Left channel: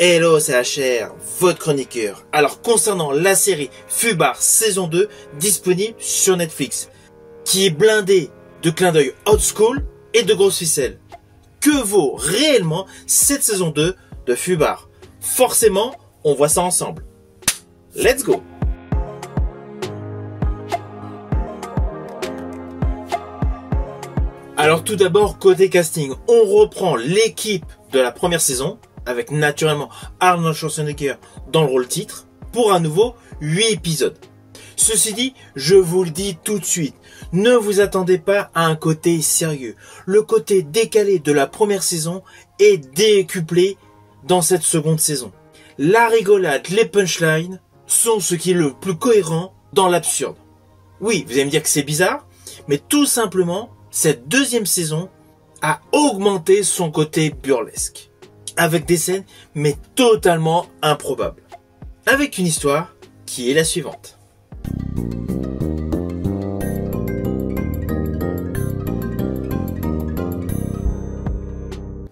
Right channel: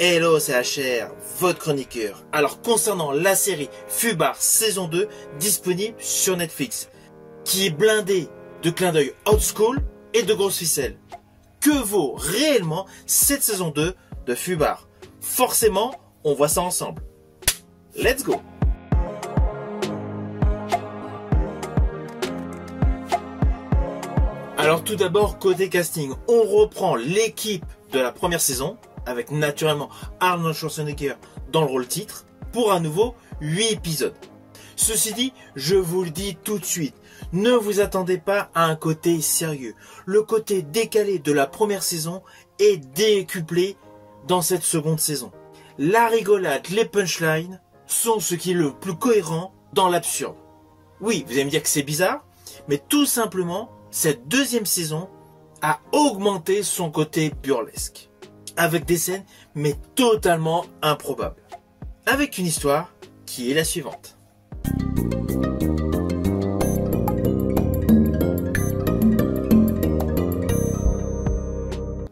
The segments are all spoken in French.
Hello, c'est HR, votre chroniqueur. Alors concernant la série Fubar saison 2, disponible sur Netflix, qui est blindée de clins d'œil old school et de grosses ficelles. Que vaut réellement cette saison 2 de Fubar? Forcément, on voit ça ensemble. Let's go! Alors tout d'abord, côté casting, on reprend l'équipe de la première saison, avec naturellement Arnold Schwarzenegger dans le rôle titre, pour à nouveau 8 épisodes. Ceci dit, je vous le dis tout de suite, ne vous attendez pas à un côté sérieux. Le côté décalé de la première saison est décuplé dans cette seconde saison. La rigolade, les punchlines sont ce qui est le plus cohérent dans l'absurde. Oui, vous allez me dire que c'est bizarre, mais tout simplement, cette deuxième saison a augmenté son côté burlesque, avec des scènes mais totalement improbables, avec une histoire qui est la suivante.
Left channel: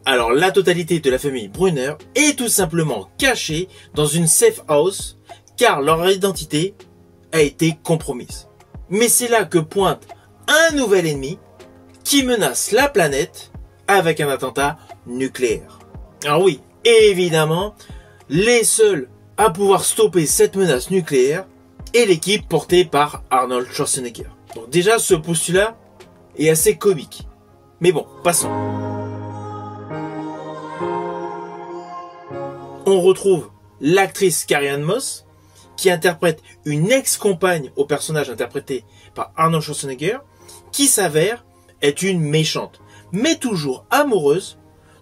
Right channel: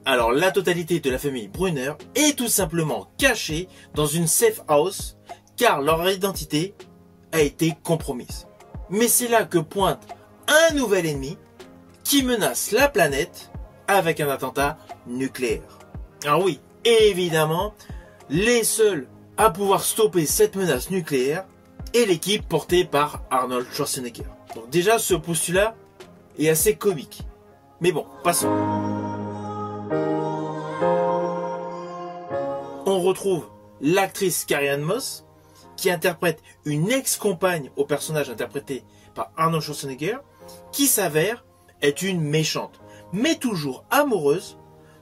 Alors la totalité de la famille Brunner est tout simplement cachée dans une safe house car leur identité a été compromise. Mais c'est là que pointe un nouvel ennemi qui menace la planète avec un attentat nucléaire. Alors oui, évidemment, les seuls à pouvoir stopper cette menace nucléaire est l'équipe portée par Arnold Schwarzenegger. Donc déjà, ce postulat est assez comique. Mais bon, passons. On retrouve l'actrice Carrie-Anne Moss, qui interprète une ex-compagne au personnage interprété par Arnold Schwarzenegger, qui s'avère être une méchante, mais toujours amoureuse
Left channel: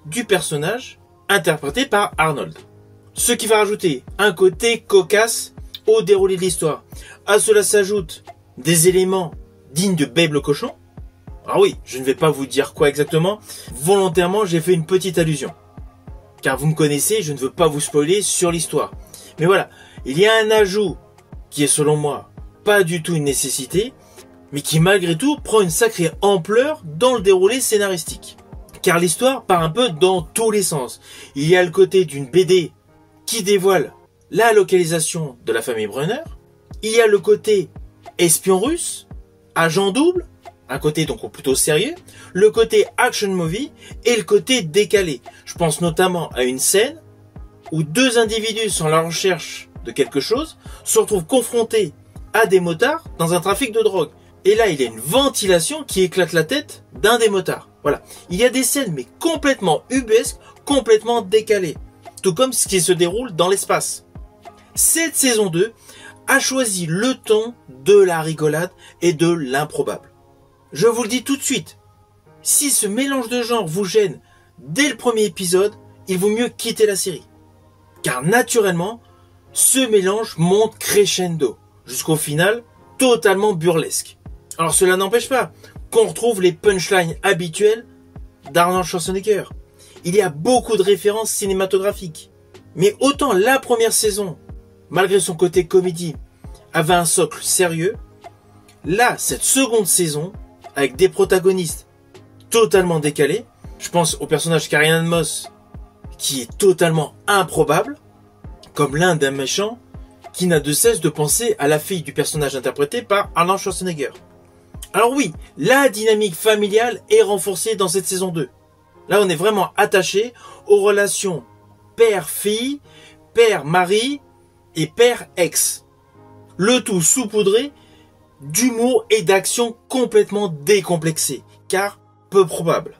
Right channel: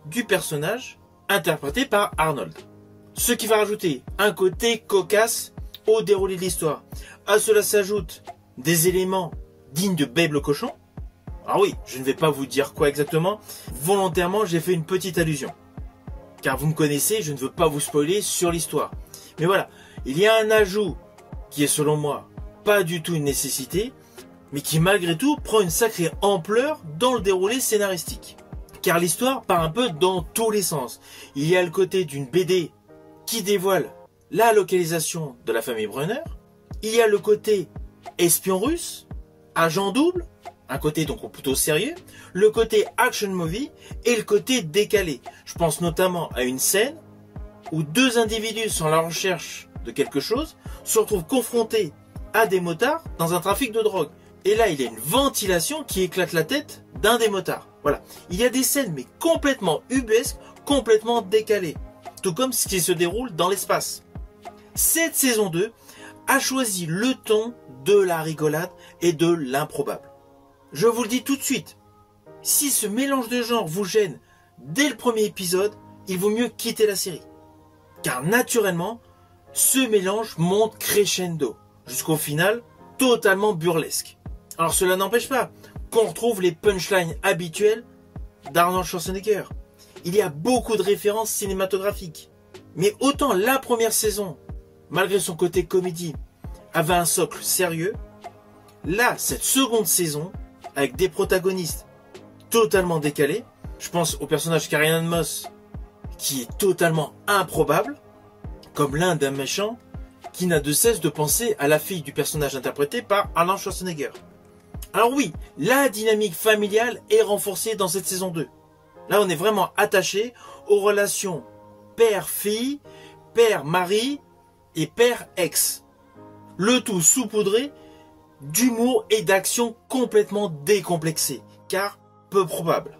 du personnage interprété par Arnold. Ce qui va rajouter un côté cocasse au déroulé de l'histoire. À cela s'ajoutent des éléments dignes de Babe le cochon. Ah oui, je ne vais pas vous dire quoi exactement. Volontairement, j'ai fait une petite allusion. Car vous me connaissez, je ne veux pas vous spoiler sur l'histoire. Mais voilà, il y a un ajout qui est selon moi pas du tout une nécessité, mais qui malgré tout prend une sacrée ampleur dans le déroulé scénaristique. Car l'histoire part un peu dans tous les sens. Il y a le côté d'une BD qui dévoile la localisation de la famille Brunner. Il y a le côté espion russe, agent double, un côté donc plutôt sérieux, le côté action movie et le côté décalé. Je pense notamment à une scène où deux individus sont à la recherche de quelque chose se retrouvent confrontés à des motards dans un trafic de drogue. Et là, il y a une ventilation qui éclate la tête d'un des motards. Voilà. Il y a des scènes, mais complètement ubuesques, complètement décalées. Tout comme ce qui se déroule dans l'espace. Cette saison 2 a choisi le ton de la rigolade et de l'improbable. Je vous le dis tout de suite. Si ce mélange de genres vous gêne dès le premier épisode, il vaut mieux quitter la série. Car naturellement, ce mélange monte crescendo, jusqu'au final, totalement burlesque. Alors cela n'empêche pas qu'on retrouve les punchlines habituelles d'Arnold Schwarzenegger. Il y a beaucoup de références cinématographiques. Mais autant la première saison, malgré son côté comédie, avait un socle sérieux, là, cette seconde saison, avec des protagonistes totalement décalés, je pense au personnage Carrie-Anne Moss, qui est totalement improbable, comme l'un d'un méchant qui n'a de cesse de penser à la fille du personnage interprété par Arnold Schwarzenegger. Alors oui, la dynamique familiale est renforcée dans cette saison 2. Là, on est vraiment attaché aux relations père-fille, père-mari et père-ex. Le tout saupoudré d'humour et d'action complètement décomplexés, car peu probable.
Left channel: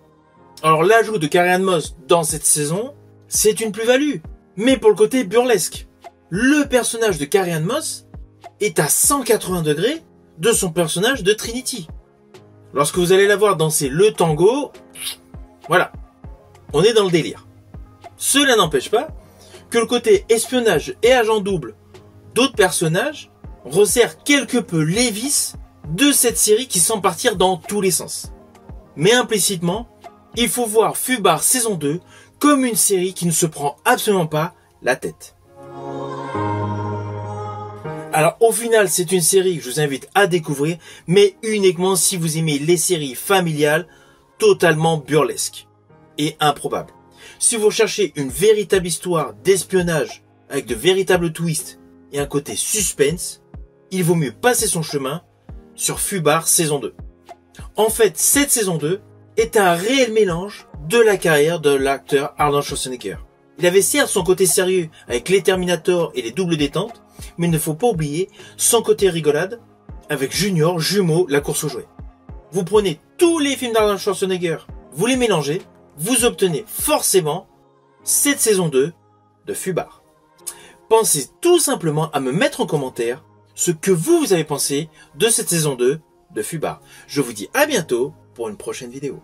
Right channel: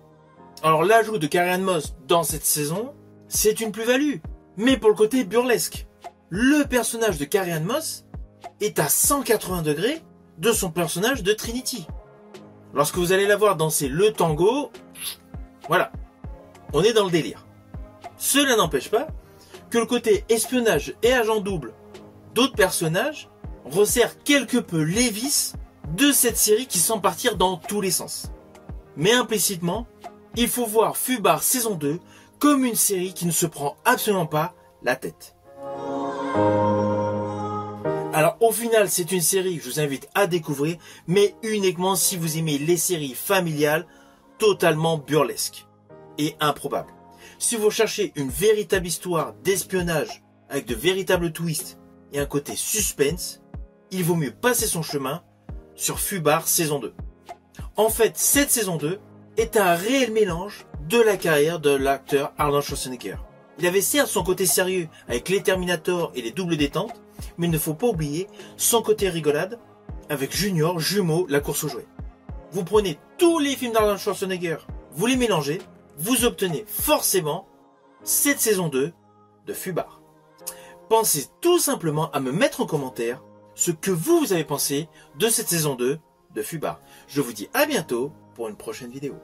Alors l'ajout de Carrie-Anne Moss dans cette saison, c'est une plus-value, mais pour le côté burlesque. Le personnage de Carrie-Anne Moss est à 180 degrés de son personnage de Trinity. Lorsque vous allez la voir danser le tango, voilà, on est dans le délire. Cela n'empêche pas que le côté espionnage et agent double d'autres personnages resserre quelque peu les vices de cette série qui semble partir dans tous les sens. Mais implicitement, il faut voir Fubar saison 2 comme une série qui ne se prend absolument pas la tête. Alors au final, c'est une série que je vous invite à découvrir, mais uniquement si vous aimez les séries familiales totalement burlesques et improbables. Si vous cherchez une véritable histoire d'espionnage avec de véritables twists et un côté suspense, il vaut mieux passer son chemin sur Fubar saison 2. En fait, cette saison 2 est un réel mélange de la carrière de l'acteur Arnold Schwarzenegger. Il avait certes son côté sérieux avec les Terminator et les doubles détentes, mais il ne faut pas oublier son côté rigolade avec Junior, jumeau, la course aux jouets. Vous prenez tous les films d'Arnold Schwarzenegger, vous les mélangez, vous obtenez forcément cette saison 2 de Fubar. Pensez tout simplement à me mettre en commentaire ce que vous avez pensé de cette saison 2 de Fubar. Je vous dis à bientôt pour une prochaine vidéo.